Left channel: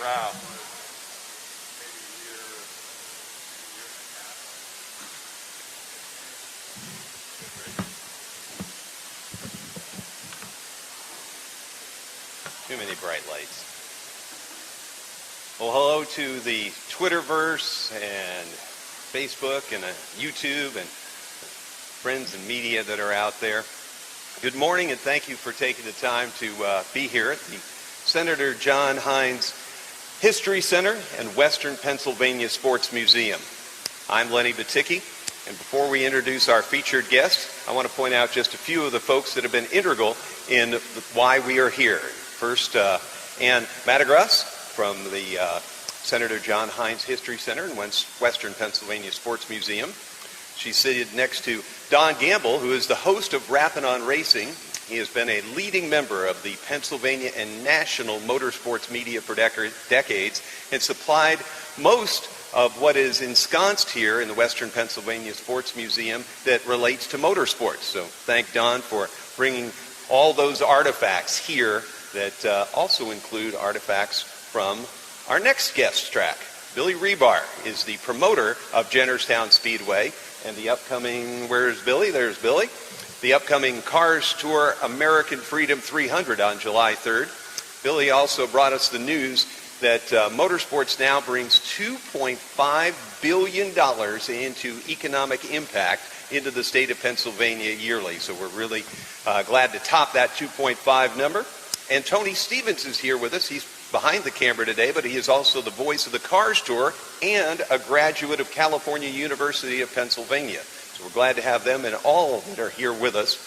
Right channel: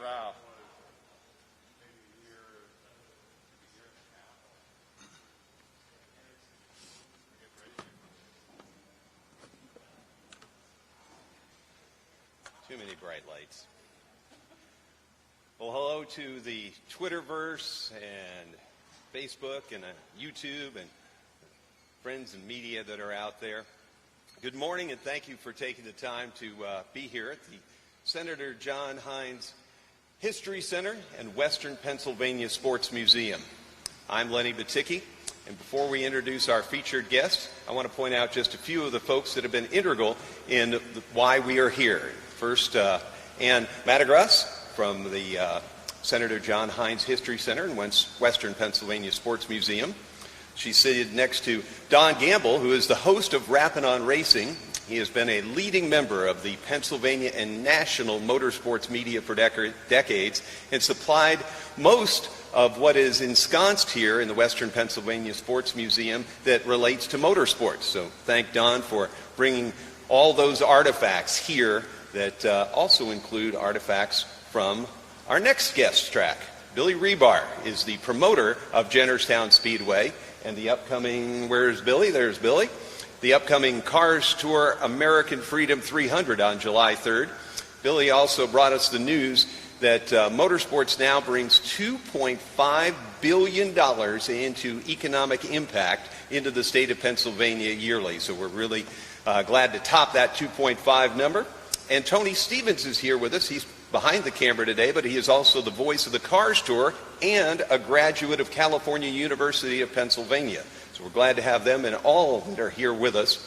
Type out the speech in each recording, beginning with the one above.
Wow. Too many bright lights. Well, hello to the Twitterverse and Facebook and YouTube and friends and media that are out there. Good morning, and thank you for taking the time to be here at the Senator John Heinz History Center and Western Pennsylvania Sports Museum. I'm Lenny Baticki, and before we introduce our featured guest, I want to point out just a few of the folks that have been integral in why we are here. First, Ann Madagras from the Senator John Heinz History Center and Western Pennsylvania Sports Museum. She's seated next to Don Gamble, who is the host of Rappin' on Racing. He has been a leading member of the Pennsylvania and national motorsports media for decades and supplied most of what is ensconced here in the Western Pennsylvania Sports Museum that relates to motorsports. So thank Don for bringing all those artifacts here that also include artifacts from our next guest track. Billy Rebar is the promoter of Jennerstown Speedway and the upcoming, where's Billy? There's Billy. The upcoming Cars Tour American Freedom 300 on July 3rd. Billy also brought us the news that motorsports now brings $2.5 billion into economic impact into the state of Pennsylvania yearly. So we're really glad to top that 2.5 number. And Tony Stevens is here with us. He's behind the camera today, but he is also the voice of the Cars Tour and a graduate of California University of Pennsylvania. So we're glad to have them and all that are here with us.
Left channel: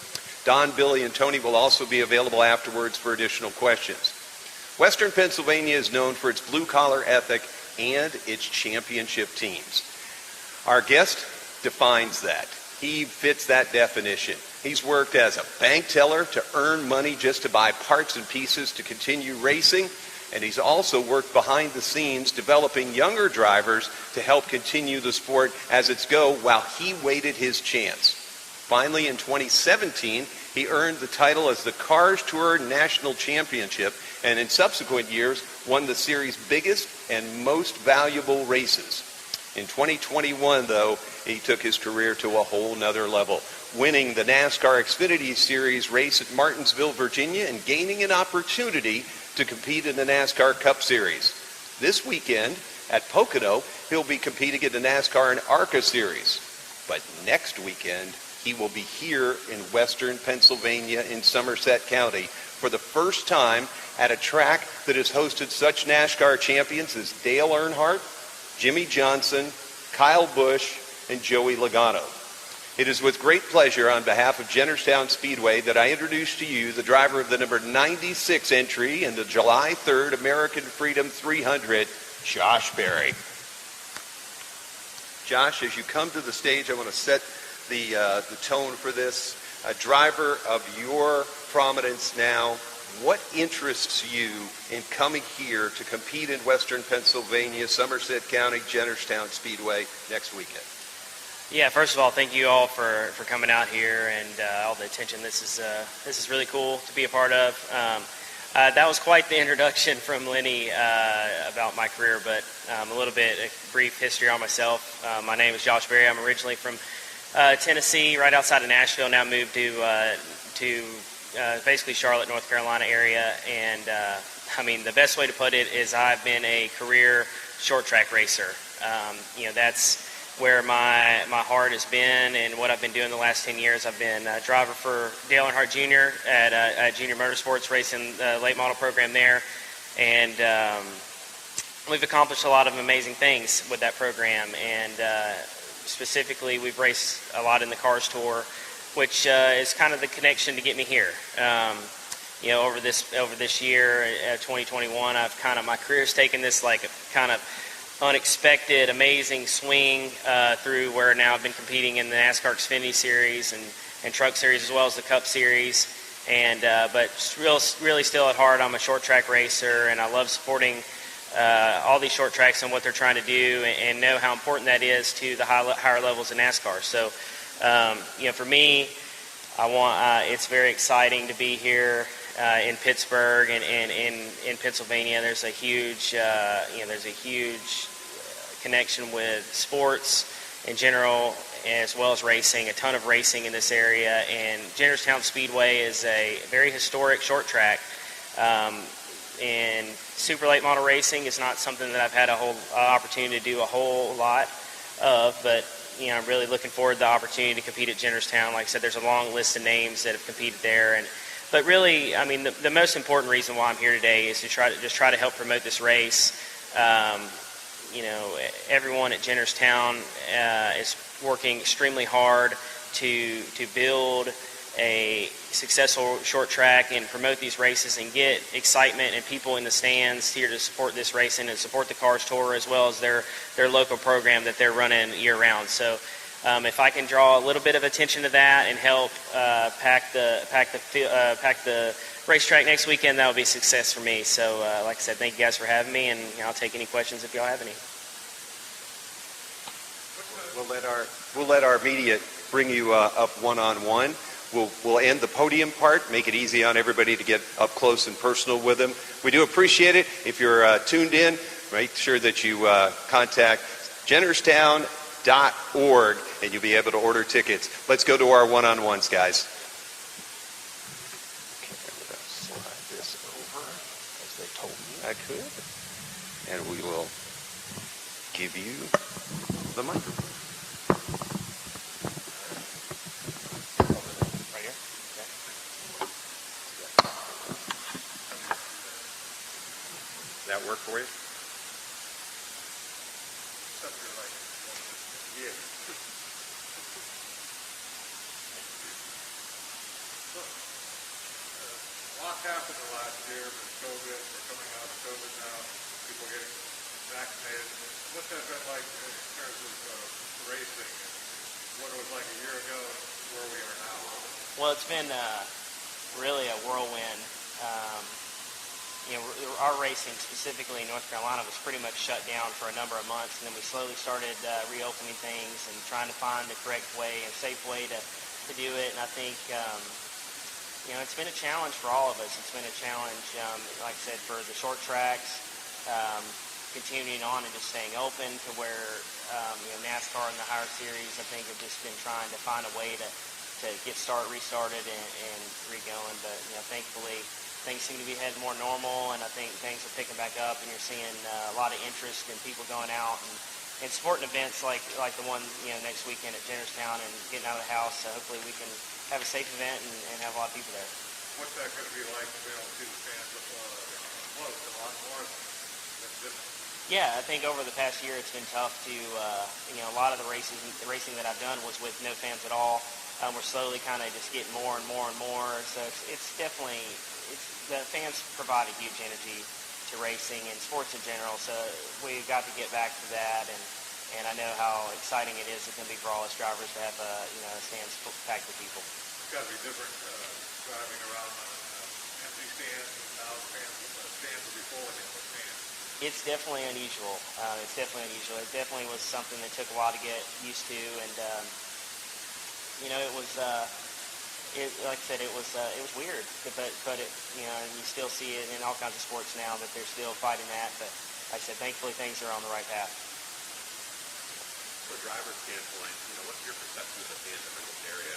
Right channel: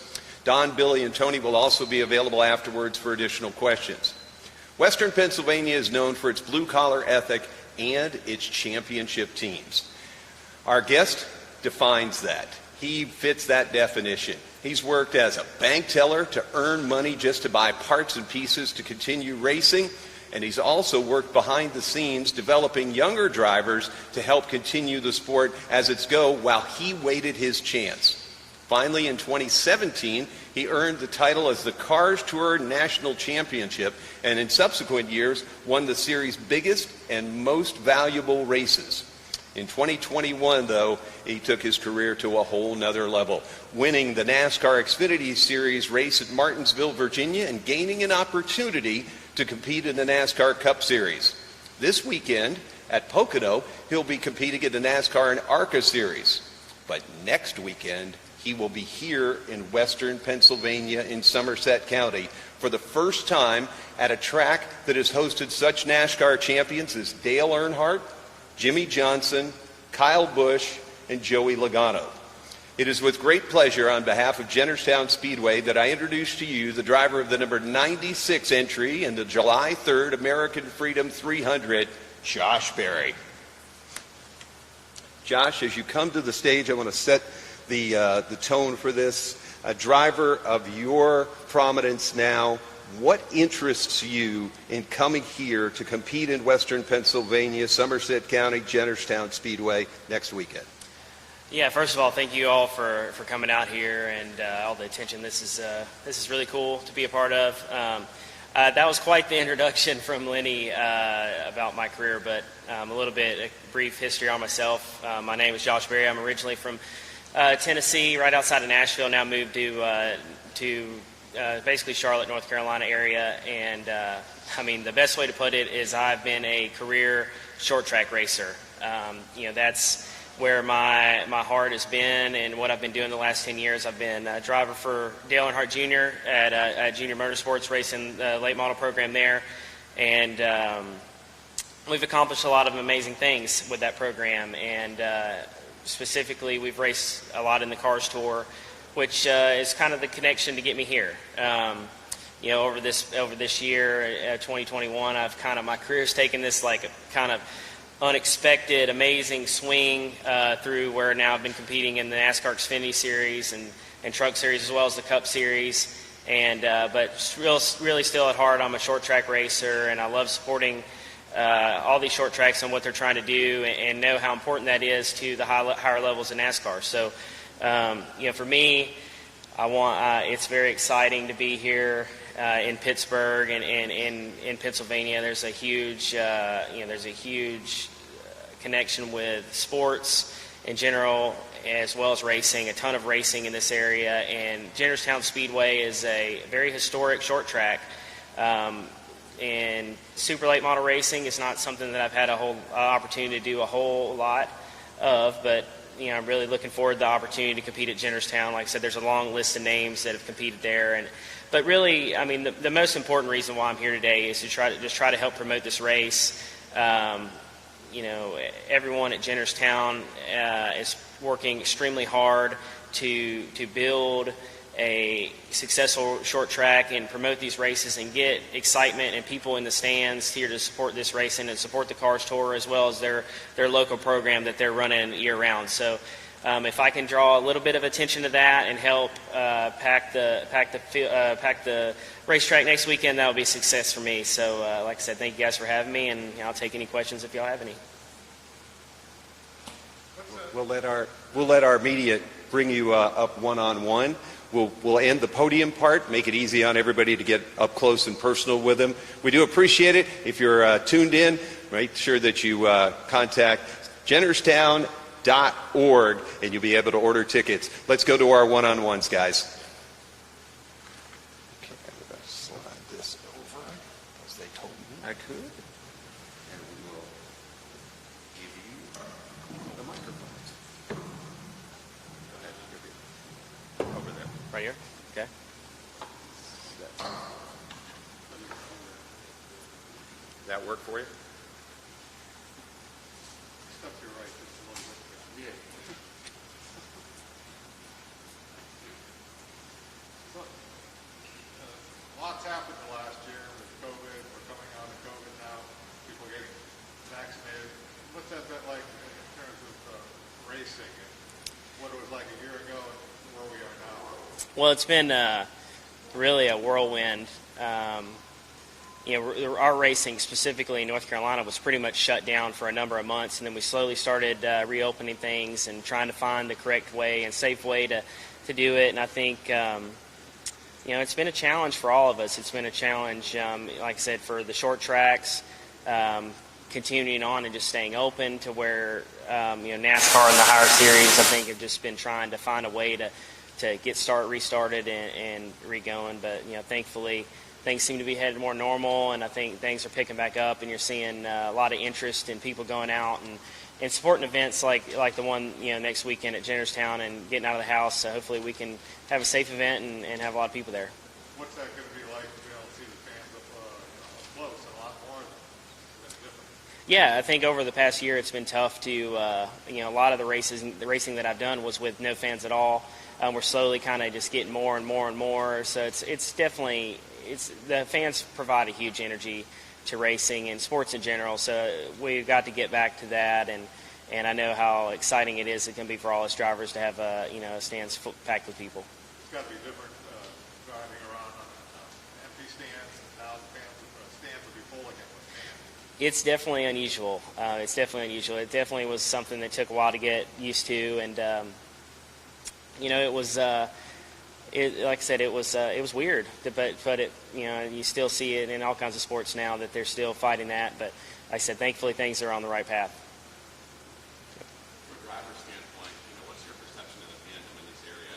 Don, Billy, and Tony will also be available afterwards for additional questions. Western Pennsylvania is known for its blue-collar ethic and its championship teams. Our guest defines that. He fits that definition. He's worked as a bank teller to earn money just to buy parts and pieces to continue racing, and he's also worked behind the scenes developing younger drivers to help continue the sport as it's go while he waited his chance. Finally, in 2017, he earned the title as the Cars Tour National Championship, and in subsequent years won the series' biggest and most valuable races. In 2021, though, he took his career to a whole nother level, winning the NASCAR Xfinity Series race at Martinsville, Virginia, and gaining an opportunity to compete in the NASCAR Cup Series. This weekend at Pocono, he'll be competing in the NASCAR and ARCA Series. But next weekend, he will be here in Western Pennsylvania in Somerset County for the first time at a track that has hosted such NASCAR champions as Dale Earnhardt, Jimmy Johnson, Kyle Busch, and Joey Logano. It is with great pleasure on behalf of Jennerstown Speedway that I introduce to you the driver of the number 96 entry in the July 3rd American Freedom 300, Josh Berry. Josh, as you come to the stage, I want to set the tone for this. A driver of your prominence now, what interests you in coming here to compete in Western Pennsylvania, Somerset County, Jennerstown Speedway next weekend? Yeah, first of all, thank you all for coming out here and all the attention. This is really cool to be a part of. That was quite the introduction from Lenny about my career, but a little bit, a brief history on myself. My name is Josh Berry. I'm originally from Tennessee, right outside of Nashville. Now moved to basically Charlotte, North Carolina area. And I mean, the best way to put it is I've been a career short track racer. That's where my heart has been and what I've been doing the last 10 years. I've been a driver for Dale Earnhardt Jr. at Junior Motorsports, racing the late model program there. And we've accomplished a lot of amazing things with that program. And specifically, we've raced a lot in the Cars Tour, which is kind of the connection to get me here. Over this year, 2021, my career's taken this like kind of unexpected, amazing swing through where now I've been competing in the NASCAR Xfinity Series and Truck Series as well as the Cup Series. But really still at heart, I'm a short track racer, and I love supporting all these short tracks and what they're trying to do, and know how important that is to the higher levels of NASCAR. So, for me, it's very exciting to be here in Pittsburgh and in Pennsylvania. There's a huge, connection with sports in general, as well as racing. A ton of racing in this area, and Jennerstown Speedway is a very historic short track. And super late model racing is not something that I've had a whole opportunity to do a whole lot of, but I'm really looking forward to the opportunity to compete at Jennerstown. Like I said, there's a long list of names that have competed there, but really, I mean, the most important reason why I'm here today is to try to help promote this race. Everyone at Jennerstown is working extremely hard to build a successful short track and promote these races and get excitement and people in the stands here to support this racing and support the Cars Tour as well as their local program that they're running year round. So if I can draw a little bit of attention to that and help pack the racetrack next weekend, that will be a success for me. So like I said, thank you guys for having me, and I'll take any questions if y'all have any. We'll let our media bring you up one-on-one. We'll end the podium part, make it easy on everybody to get up close and personal with them. We do appreciate it. If you're tuned in, make sure that you contact Jennerstown.org, and you'll be able to order tickets. Let's go to our one-on-ones, guys. I could, and we will give you the microphone. Right here? Okay. Does that work for you? Except you're right. Yeah. Look, a lot's happened the last year with COVID. We're coming out of COVID now. People are getting vaccinated. What's that been like in terms of racing? What it was like a year ago and where we are now? Well, it's been really a whirlwind. Our racing, specifically in North Carolina, was pretty much shut down for a number of months, and then we slowly started reopening things and trying to find the correct way and safe way to do it. And I think, it's been a challenge for all of us. It's been a challenge, like I said, for the short tracks, continuing on and just staying open to where, NASCAR and the higher series, I think, have just been trying to find a way to get restarted and re-going. But, thankfully, things seem to be headed more normal, and I think things are picking back up, and you're seeing a lot of interest in people going out and supporting events like the one, next weekend at Jennerstown and getting out of the house. So hopefully we can have a safe event and have a lot of people there. What's that going to be like to be able to see the fans up close a lot more than different? Yeah, I think over the past year it's been tough to, a lot of the racing that I've done was with no fans at all. We're slowly kind of just getting more and more and more. So it's definitely, the fans provide a huge energy to racing and sports in general. So we've got to get back to that, and I know how exciting it is. It's going to be for all us drivers to have stands packed with people. It's got to be different driving around on empty stands and now stands will be full again with fans. It's definitely unusual. It definitely was something that took a while to get used to, and it was. Like I said, it was weird, but it, you still see it in all kinds of sports now that they're still fighting that. But like I said, thankfully things are on the right path. From a driver's standpoint, what's your perception of the fandom in this area?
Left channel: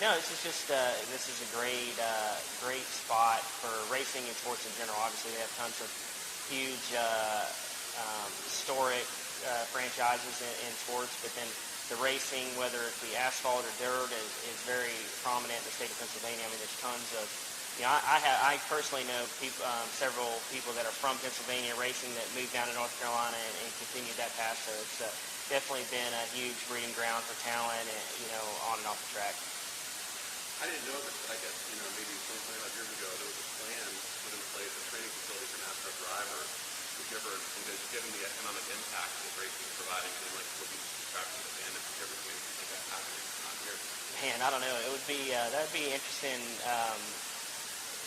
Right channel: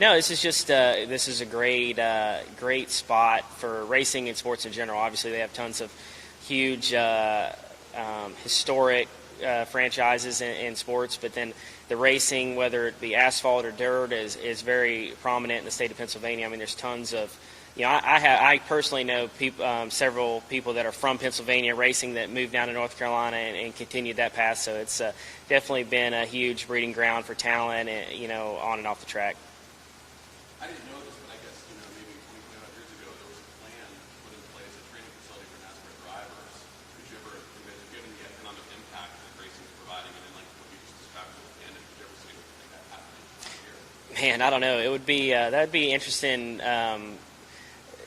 No, this is a great spot for racing and sports in general. Obviously, they have tons of huge historic franchises in sports, but then the racing, whether it be asphalt or dirt, is very prominent in the state of Pennsylvania. I mean, there's tons of, I personally know several people that are from Pennsylvania racing that moved down to North Carolina and continued that path. So it's definitely been a huge breeding ground for talent, on and off the track. I didn't know this, but I guess, maybe 20, 25 years ago, there was a plan put in place, a training facility for NASCAR drivers. Would you ever, given the economic impact that racing is providing, and like what you just described at the end, would you ever think of that happening here? Man, I don't know. It would be that'd be interesting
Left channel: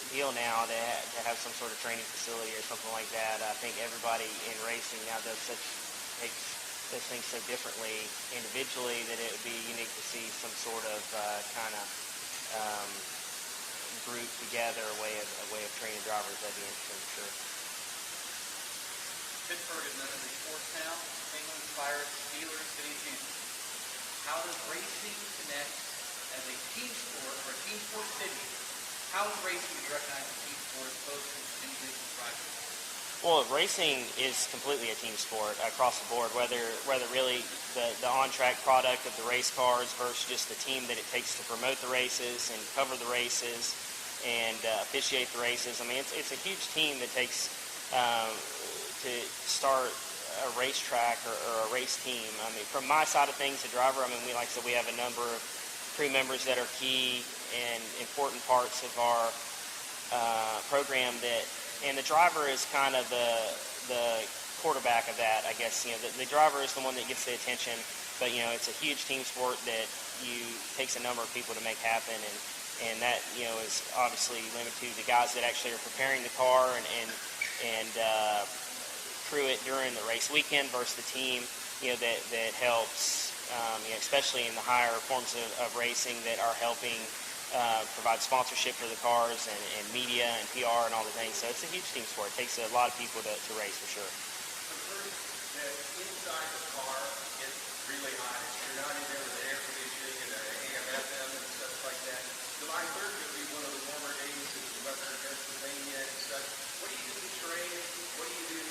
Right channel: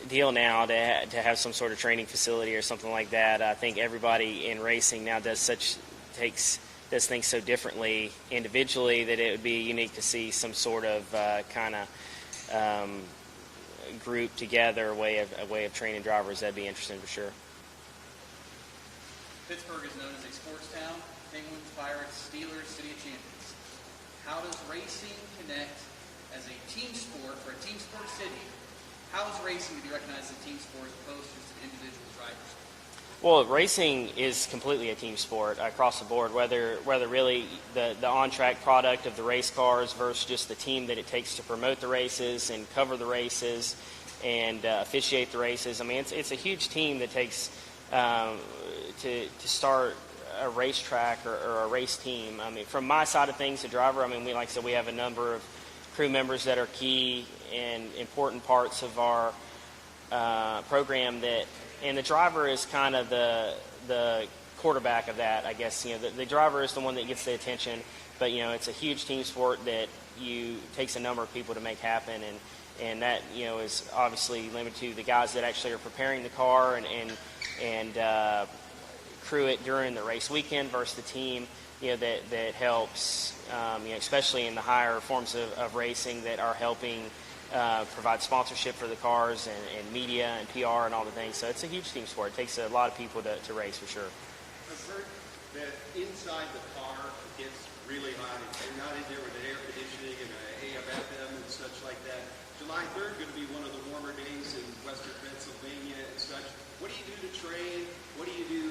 deal now to have some sort of training facility or something like that. I think everybody in racing now does things so differently individually that it would be unique to see some sort of kind of group together a way of training drivers. That'd be interesting for sure. Pittsburgh is known as a sports town. Penguins, Pirates, Steelers, City Chiefs. How does racing connect as a team sport or a team sport city? How is racing to be recognized as a team sport as opposed to just individual driving? Well, racing is completely a team sport across the board, whether really the on-track product of the race cars versus just the team that it takes to promote the races and cover the races and officiate the races. I mean, it's a huge team that takes to start a racetrack or a race team. I mean, from my side of things, the driver, I mean, like I said, we have a number of crew members that are key and important parts of our program and the driver is kind of the quarterback of that, I guess. The driver is the one that gets the attention, but it's a huge team sport that takes a number of people to make happen, and that is obviously limited to the guys that actually are preparing the car and crew it during the race weekend versus the team that helps, especially in the higher forms of racing that are helping provide sponsorship for the cars and media and PR and all the things. So it's a huge team sport. It takes a lot of people to race for sure. I've heard that inside the car gets really high. You're not even over there conditioning and AM, FM and such like that. July 3rd is going to be one of the warmer days in western Pennsylvania and such. What do you do to train? What do you do?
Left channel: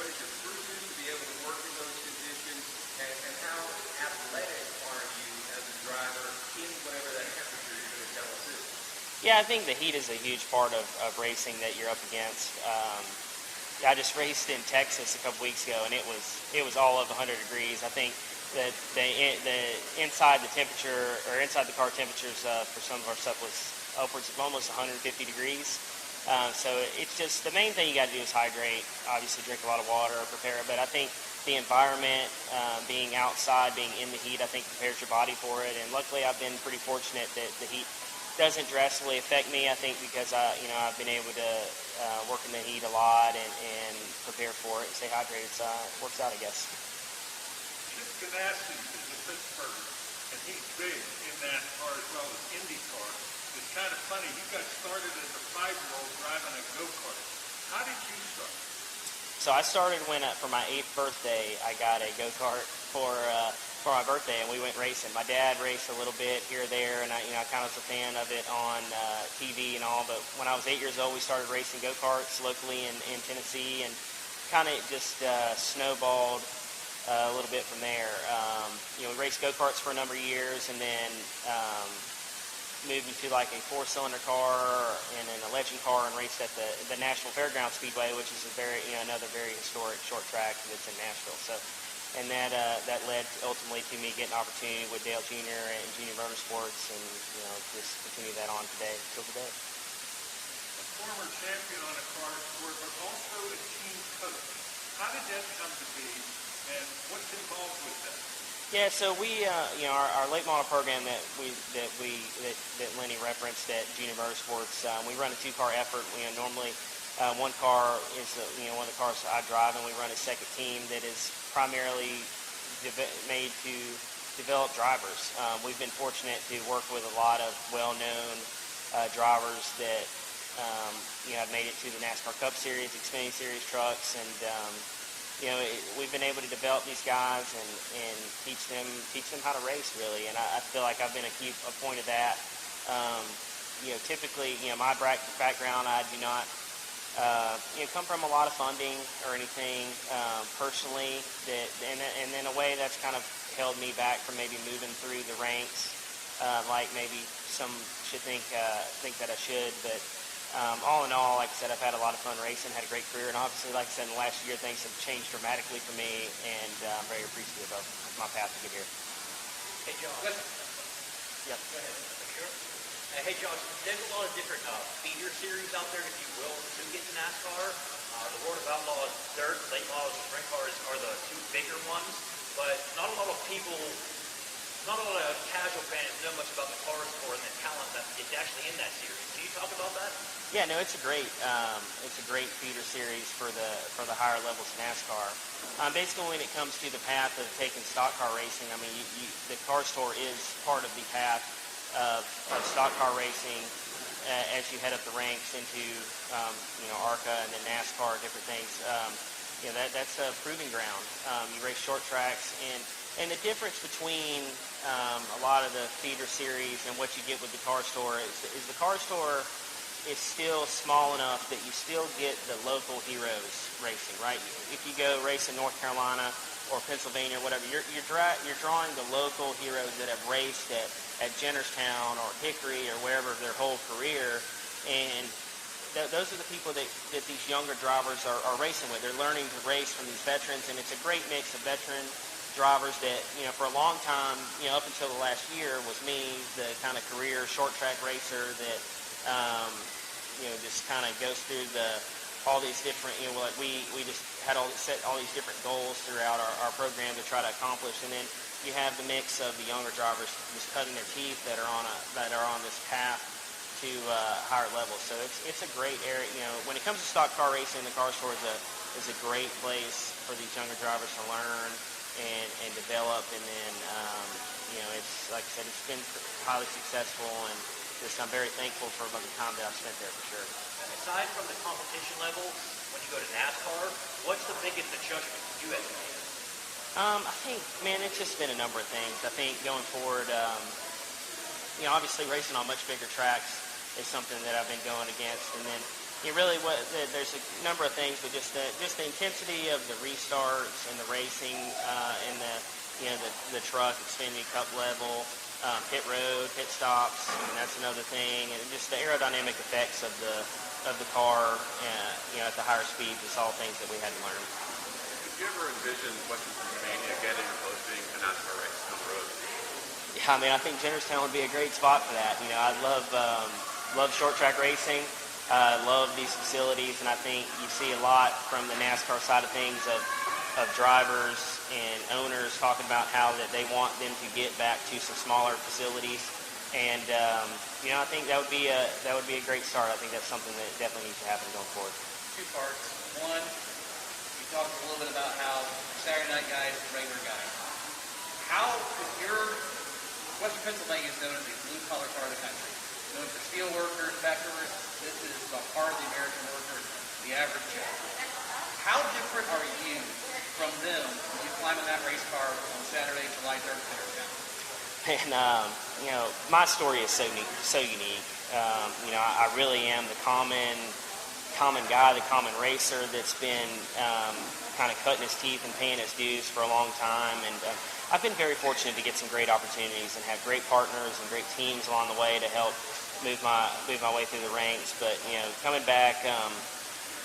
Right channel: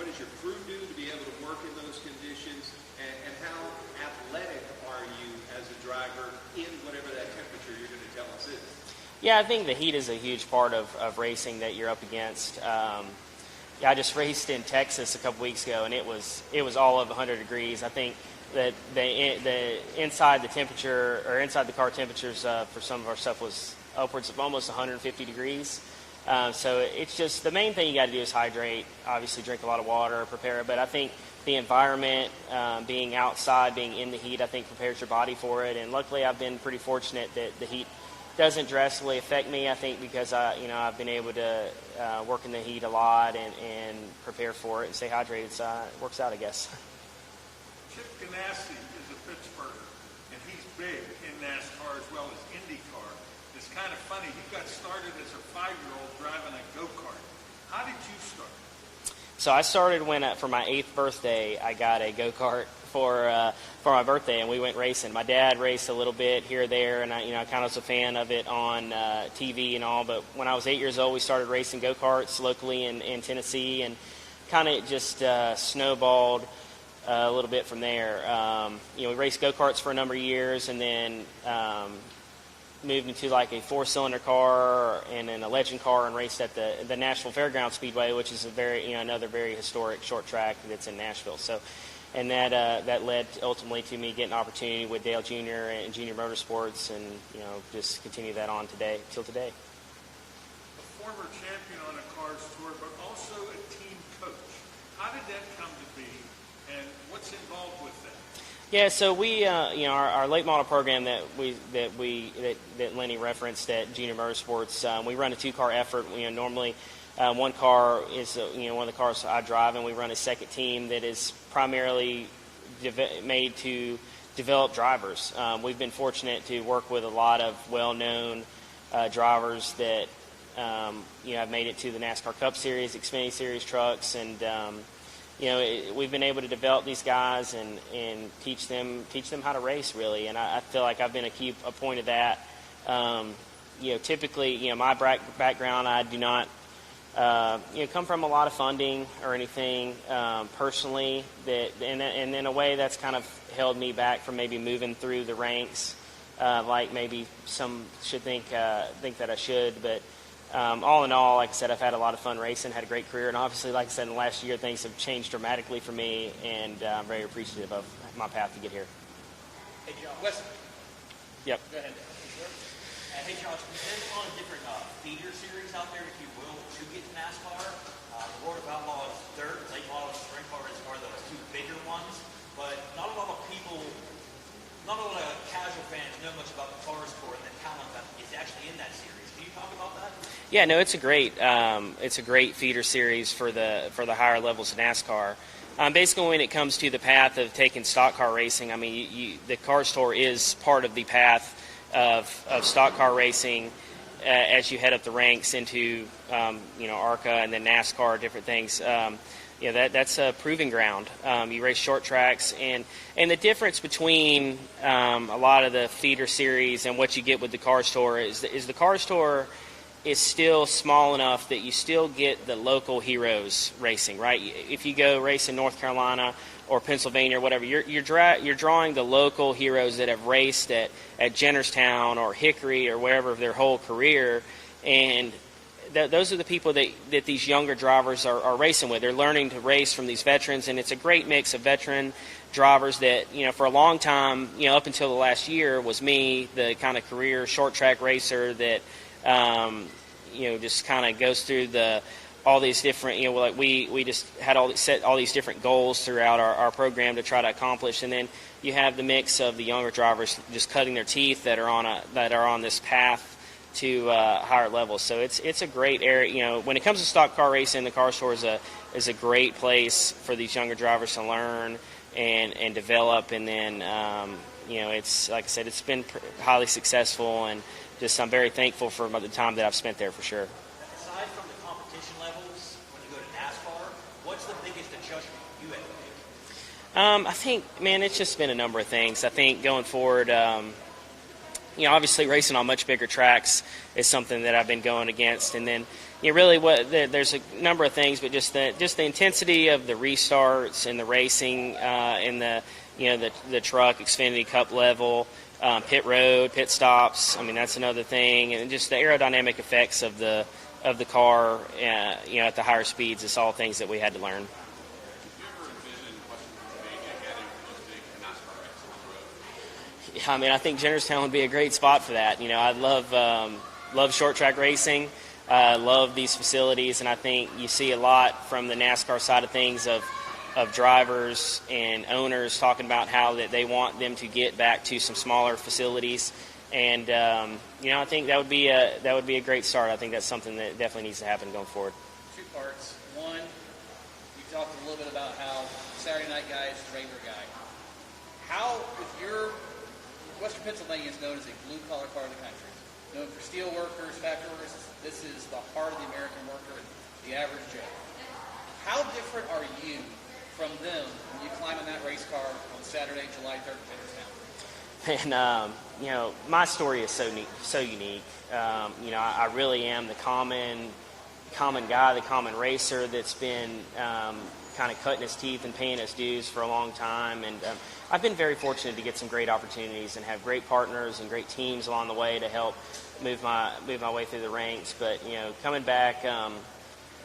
What does your crew do to be able to work in those conditions? And how athletic are you as a driver in whatever that temperature you're going to tell us is? Yeah, I think the heat is a huge part of racing that you're up against. I just raced in Texas a couple weeks ago, and it was all of 100 degrees. I think that the inside the car temperatures for some of our stuff was upwards of almost 150 degrees. So it's just the main thing you got to do is hydrate. Obviously, drink a lot of water, prepare. But I think the environment, being outside, being in the heat, I think prepares your body for it. And luckily, I've been pretty fortunate that the heat doesn't drastically affect me. I think because I've been able to work in the heat a lot and prepare for it and stay hydrated. So it works out, I guess. Chip Ganassi is a Pittsburgher, and he's big in NASCAR as well as IndyCar. It's kind of funny. You got started as a 5-year-old driving a go-kart. How did you start? So I started when, for my 8th birthday, I got a go-kart for my birthday, and we went racing. My dad raced a little bit here or there, and I kind of was a fan of it on TV and all. But when I was 8 years old, we started racing go-karts locally in Tennessee, and kind of just snowballed a little bit from there. We raced go-karts for a number of years, and then moved into like a 4-cylinder car and then a legend car and raced at the NASCAR Fairground Speedway, which is another very historic short track that's in Nashville. So, and that led ultimately to me getting an opportunity with Dale Jr. and Junior Motorsports, and just continue that on till today. A former champion on a car sport, but also a team coach. How did that come to be, and what's involved with that? Yeah, so we, our late model program that Lenny referenced at Junior Motorsports, we run a 2-car effort. Normally, one car is one of the cars I drive, and we run a second team that is primarily made to develop drivers. We've been fortunate to work with a lot of well-known drivers that have made it to the NASCAR Cup Series, Xfinity Series trucks, and we've been able to develop these guys and teach them how to race, really. And I feel like I've been a point of that. Typically, my background, I do not come from a lot of funding or anything personally. And in a way, that's kind of held me back from maybe moving through the ranks, like maybe some should think that I should, but. All in all, like I said, I've had a lot of fun racing, had a great career, and obviously, like I said, in the last year, things have changed dramatically for me, and I'm very appreciative of my path to get here. Hey, John. Listen. Yep. Go ahead. Hey, Josh, there's a lot of different feeder series out there, if you will, to get to NASCAR. The World of Outlaws Dirt, late model sprint cars are the two bigger ones, but not a lot of people, not a lot of casual fans know much about the car sport and the talent that is actually in that series. Can you talk about that? Yeah, no, it's a great feeder series for the higher levels of NASCAR. Basically, when it comes to the path of taking stock car racing, I mean, the car store is part of the path of stock car racing as you head up the ranks into ARCA and then NASCAR, different things. That's a proving ground. You race short tracks, and the difference between a lot of the feeder series and what you get with the car store is the car store is still small enough that you still get the local heroes racing, right? If you go race in North Carolina or Pennsylvania or whatever, you're drawing the local heroes that have raced at Jennerstown or Hickory or wherever their whole career, and those are the people that these younger drivers are racing with. They're learning to race from these veterans, and it's a great mix of veteran drivers that, for a long time, up until the last year, was me, the kind of career short track racer that just kind of goes through all these different, like we just had set all these different goals throughout our program to try to accomplish, and then you have the mix of the younger drivers just cutting their teeth that are on this path to higher levels. So it's a great area. When it comes to stock car racing, the car store is a great place for these younger drivers to learn and develop. And then it's, like I said, it's been highly successful, and just I'm very thankful for the time that I've spent there for sure. Aside from the competition levels, when you go to NASCAR, what's the biggest adjustment you have to make? I think, man, it's just been a number of things. I think going forward, obviously racing on much bigger tracks is something that I've been going against, and then really there's a number of things, but just the intensity of the restarts and the racing in the truck Xfinity Cup level, pit road, pit stops. I mean, that's another thing, and just the aerodynamic effects of the car, at the higher speeds. It's all things that we had to learn. Did you ever envision Western Pennsylvania getting or close to being a NASCAR race on the road? Yeah, I mean, I think Jennerstown would be a great spot for that. I love short track racing. I love these facilities, and I think you see a lot from the NASCAR side of things of drivers and owners talking about how that they want them to get back to some smaller facilities, and I think that would be a great start. I think that's something that definitely needs to happen going forward. Two parts. One, we talked a little bit about how Saturday night guys and regular guys. How Western Pennsylvania is known as a blue-collar part of the country. Known for steel workers, factory workers. This is the heart of the American worker, the average Joe. How different are you from them when you climb in that race car on Saturday, July 3rd, And my story is so unique. I really am the common guy, the common racer that's been kind of cutting his teeth and paying his dues for a long time, and I've been very fortunate to get some great opportunities and have great partners and great teams along the way to help move my way through the ranks. But coming back,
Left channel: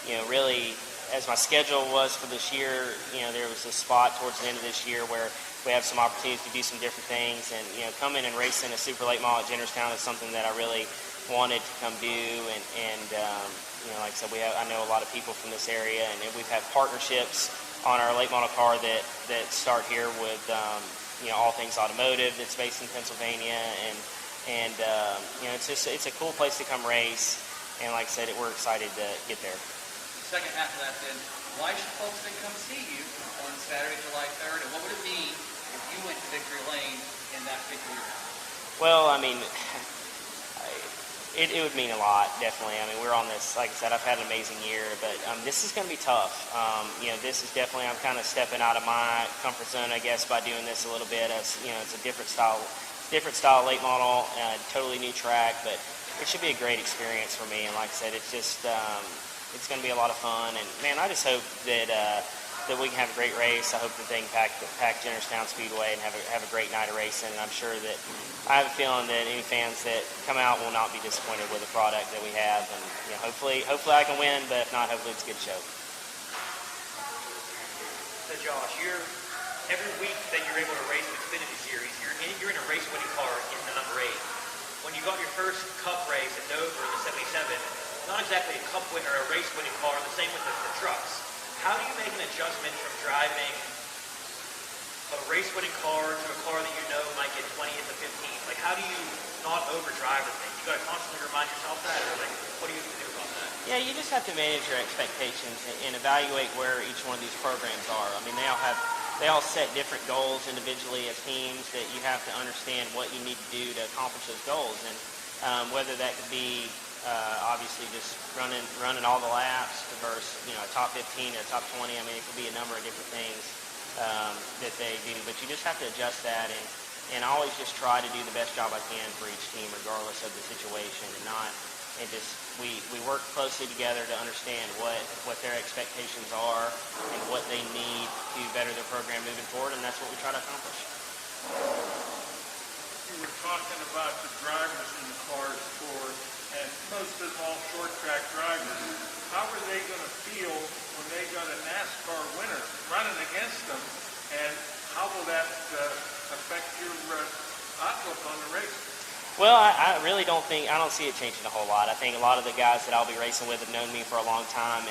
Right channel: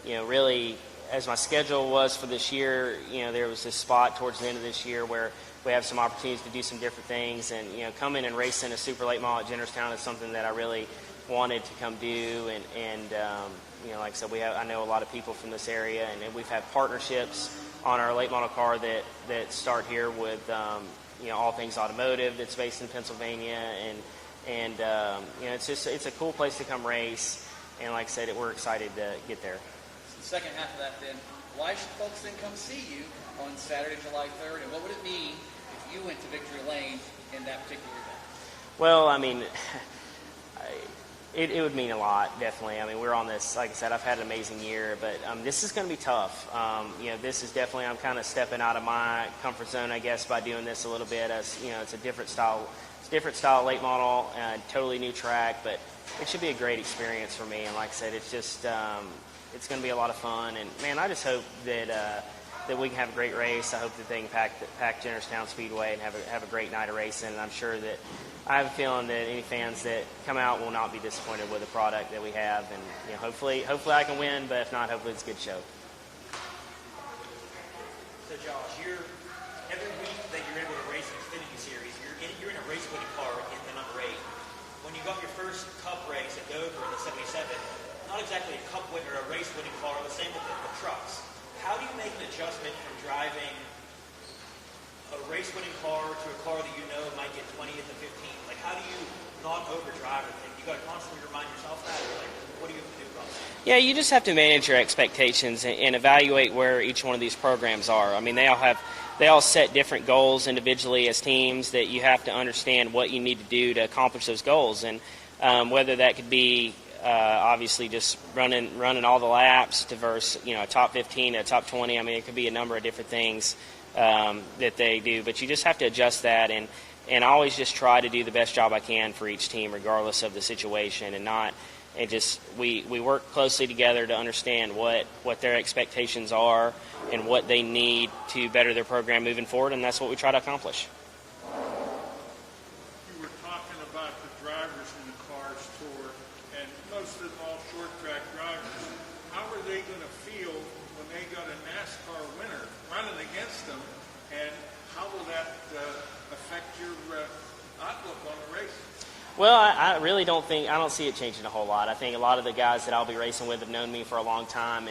really, as my schedule was for this year, there was this spot towards the end of this year where we have some opportunities to do some different things, and coming and racing a super late model at Jennerstown is something that I really wanted to come do, and like I said, I know a lot of people from this area, and we've had partnerships on our late model car that start here with All Things Automotive that's based in Pennsylvania, and it's a cool place to come race, and like I said, we're excited to get there. Second half of that, then, why should folks then come see you on Saturday, July 3rd, and what would it mean if you went to victory lane in that particular round? Well, I mean, it would mean a lot, definitely. I mean, we're on this, like I said, I've had an amazing year, but this is going to be tough. This is definitely, I'm kind of stepping out of my comfort zone, I guess, by doing this a little bit. It's a different style late model, totally new track, but it should be a great experience for me. And like I said, it's just, it's going to be a lot of fun. And man, I just hope that we can have a great race. I hope that they can pack Jennerstown Speedway and have a great night of racing. And I'm sure that I have a feeling that any fans that come out will not be disappointed with the product that we have. And hopefully I can win, but if not, hopefully it's a good show. So Josh, every week that you're able to race an Xfinity Series, you're in a race-winning car in the number 8. when you got your first Cup race at Dover in the 77, not exactly a Cup winner, a race-winning car, the same with the trucks. How do you make an adjustment from driving a race-winning car to a car that you know might get 20th to 15th? Like, how do you not overdrive the thing? You got to constantly remind yourself that, or like, what do you do about that? Yeah, you just have to manage your expectations and evaluate where each one of these programs are. I mean, they all set different goals individually as teams that you have to understand what you need to do to accomplish those goals. And whether that could be obviously just running all the laps to versus, a top 15, a top 20. I mean, it could be a number of different things that they do. But you just have to adjust that and always just try to do the best job I can for each team regardless of the situation and not – and just we work closely together to understand what their expectations are and what they need to better their program moving forward, and that's what we try to accomplish. You were talking about the drivers in the cars tour, and most of them all short track drivers. How are they going to feel when they got a NASCAR winner running against them, and how will that affect your outlook on the race? Well, I really don't see it changing a whole lot. I think a lot of the guys that I'll be racing with have known me for a long time,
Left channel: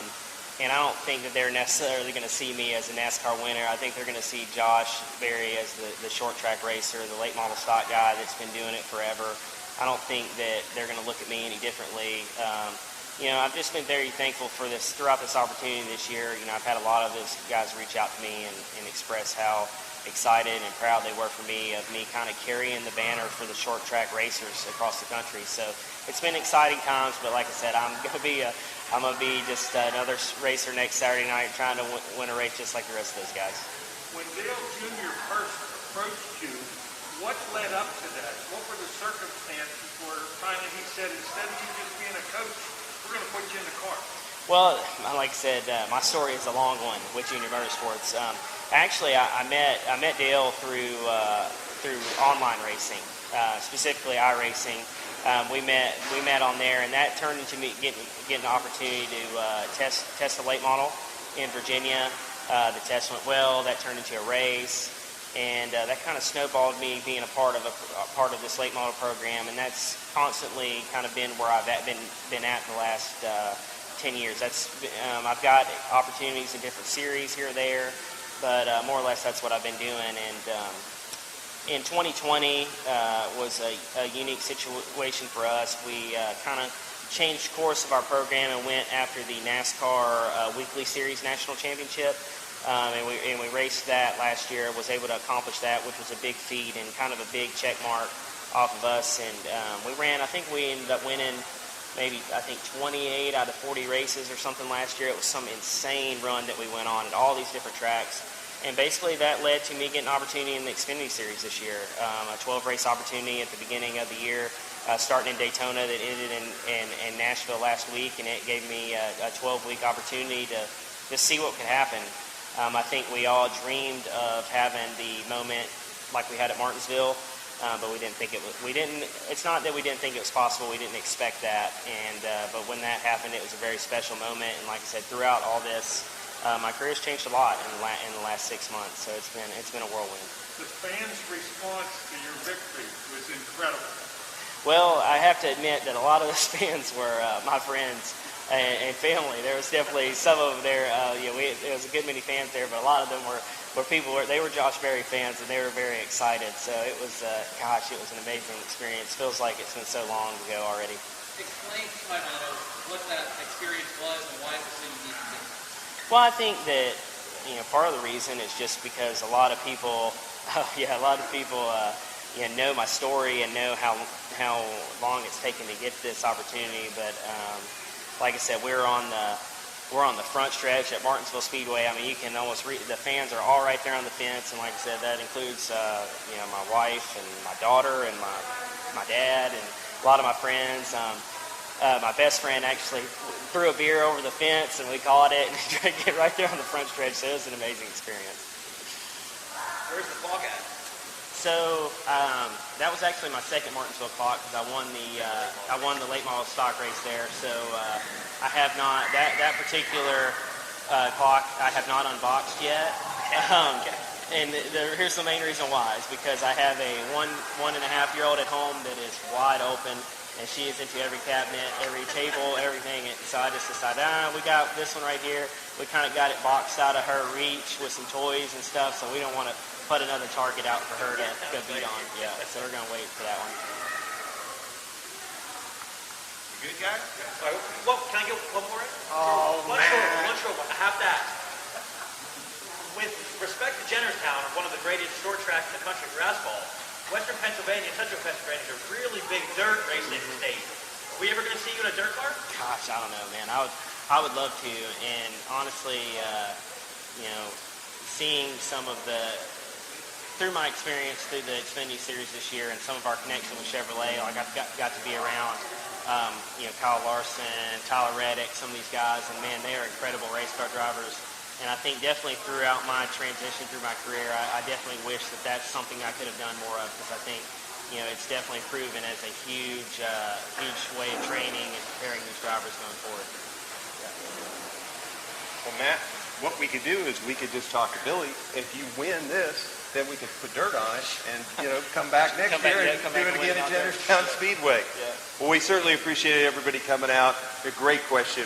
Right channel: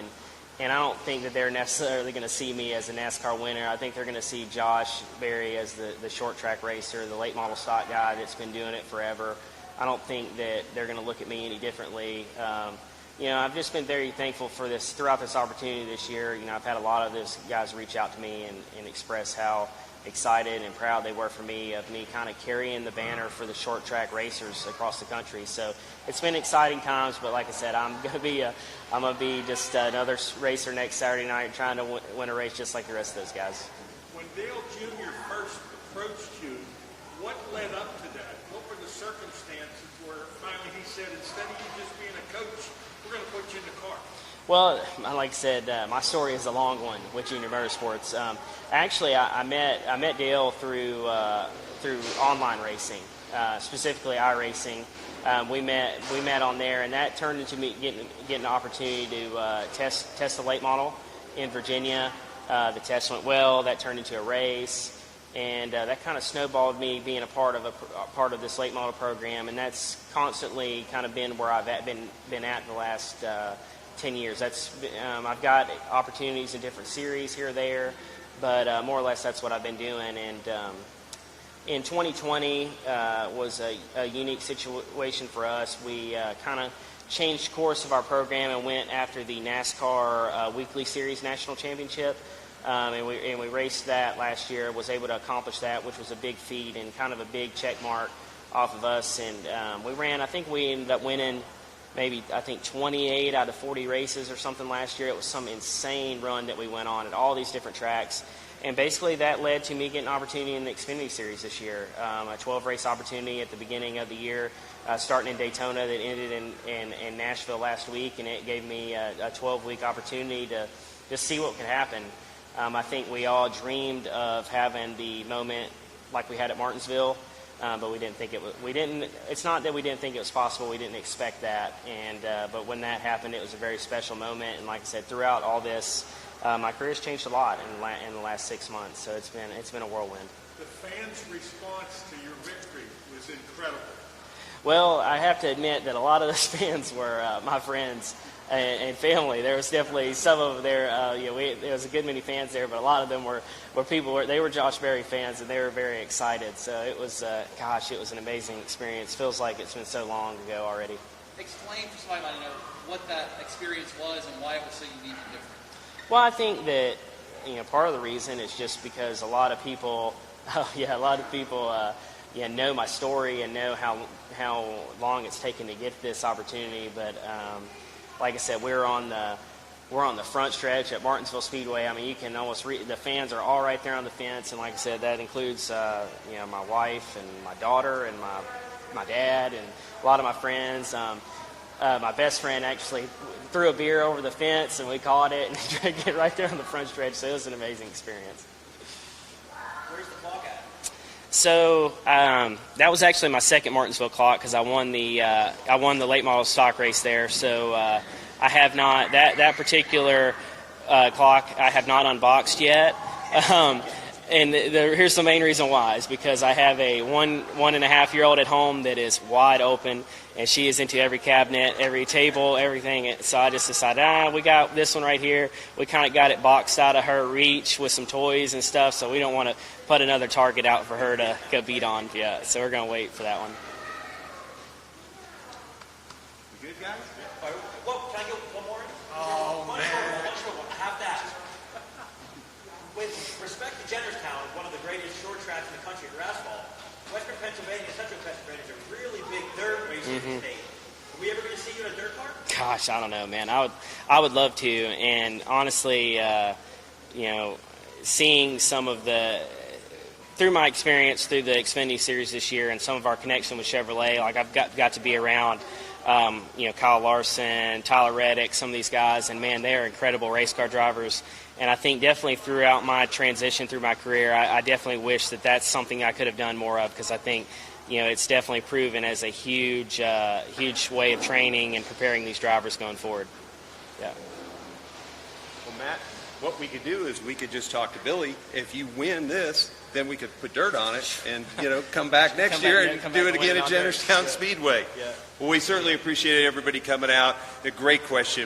and I don't think that they're necessarily going to see me as a NASCAR winner. I think they're going to see Josh Berry as the short track racer, the late model stock guy that's been doing it forever. I don't think that they're going to look at me any differently. I've just been very thankful for this throughout this opportunity this year. I've had a lot of those guys reach out to me and express how excited and proud they were for me of me kind of carrying the banner for the short track racers across the country. So it's been exciting times, but like I said, I'm gonna be just another racer next Saturday night trying to win a race just like the rest of those guys. When Dale Jr. first approached you, what led up to that? What were the circumstances where finally he said, instead of you just being a coach, we're going to put you in the car? Well, like I said, my story is a long one with Junior Motorsports. Actually, I met Dale through online racing, specifically iRacing. We met on there, and that turned into me getting an opportunity to test the late model in Virginia. The test went well. That turned into a race, and that kind of snowballed me being a part of this late model program, and that's constantly kind of been where I've been at the last 10 years. I've got opportunities in different series here or there, but more or less that's what I've been doing. And in 2020 was a unique situation for us. We kind of changed course of our program and went after the NASCAR Weekly Series National Championship. And we raced that last year, was able to accomplish that, which was a big feat and kind of a big check mark off of us. And I think we ended up winning maybe 28 out of 40 races or something last year. It was some insane run that we went on at all these different tracks. And basically that led to me getting an opportunity in the Xfinity Series this year, a 12-race opportunity at the beginning of the year, starting in Daytona that ended in Nashville last week, and it gave me a 12-week opportunity to see what could happen. I think we all dreamed of having the moment like we had at Martinsville, but we didn't think it was. It's not that we didn't think it was possible. We didn't expect that, but when that happened, it was a very special moment. And like I said, throughout all this, my career's changed a lot in the last 6 months. So it's been a whirlwind. The fans' response to your victory was incredible. Well, I have to admit that a lot of those fans were my friends and family. There was definitely some of them there. There was a good many fans there, but a lot of them were people. They were Josh Berry fans, and they were very excited. So it was, it was an amazing experience. Feels like it's been so long ago already. Explain to my mind what that experience was and why it was so unique. Well, I think that part of the reason is just because a lot of people, know my story and know how long it's taken to get this opportunity. But like I said, we're on the front stretch at Martinsville Speedway. I mean, you can almost the fans are all right there on the fence, and like I said, that includes my wife and my daughter and my dad and a lot of my friends. My best friend actually threw a beer over the fence, and we caught it and drank it right there on the front stretch. So it was an amazing experience. Where's the clock at? So that was actually my second Martinsville clock because I won the late model stock race there. So I have not that particular clock I have not unboxed yet. And here's the main reason why is because I have a 1.5-year-old at home that is wide open, and she is into every cabinet, every table, everything. So I just decided, we got this one right here. We kind of got it boxed out of her reach with some toys and stuff, so we don't want to put another target out for her to go beat on. Yeah, so we're going to wait for that one. You good, guys? All right, can I get one more in? Oh, One short one. I have to ask. With respect to Jennerstown, one of the greatest short tracks in the country for asphalt, Western Pennsylvania and Central Pennsylvania is a really big dirt racing state. Are we ever going to see you in a dirt car? Gosh, I don't know, man. I would love to, and honestly, seeing some of through my experience through the Xfinity Series this year and some of our connection with Chevrolet, like I've got to be around, Kyle Larson, Tyler Reddick, some of these guys, and man, they are incredible race car drivers. And I think definitely throughout my transition through my career, I definitely wish that that's something I could have done more of, because I think, it's definitely proven as a huge way of training and preparing these drivers going forward. Yeah. Well, Matt, what we could do is we could just talk to Billy. If you win this, then we could put dirt on it and, come back next year and do it again at Jennerstown Speedway. Yeah. Well, we certainly appreciate everybody coming out. A great question.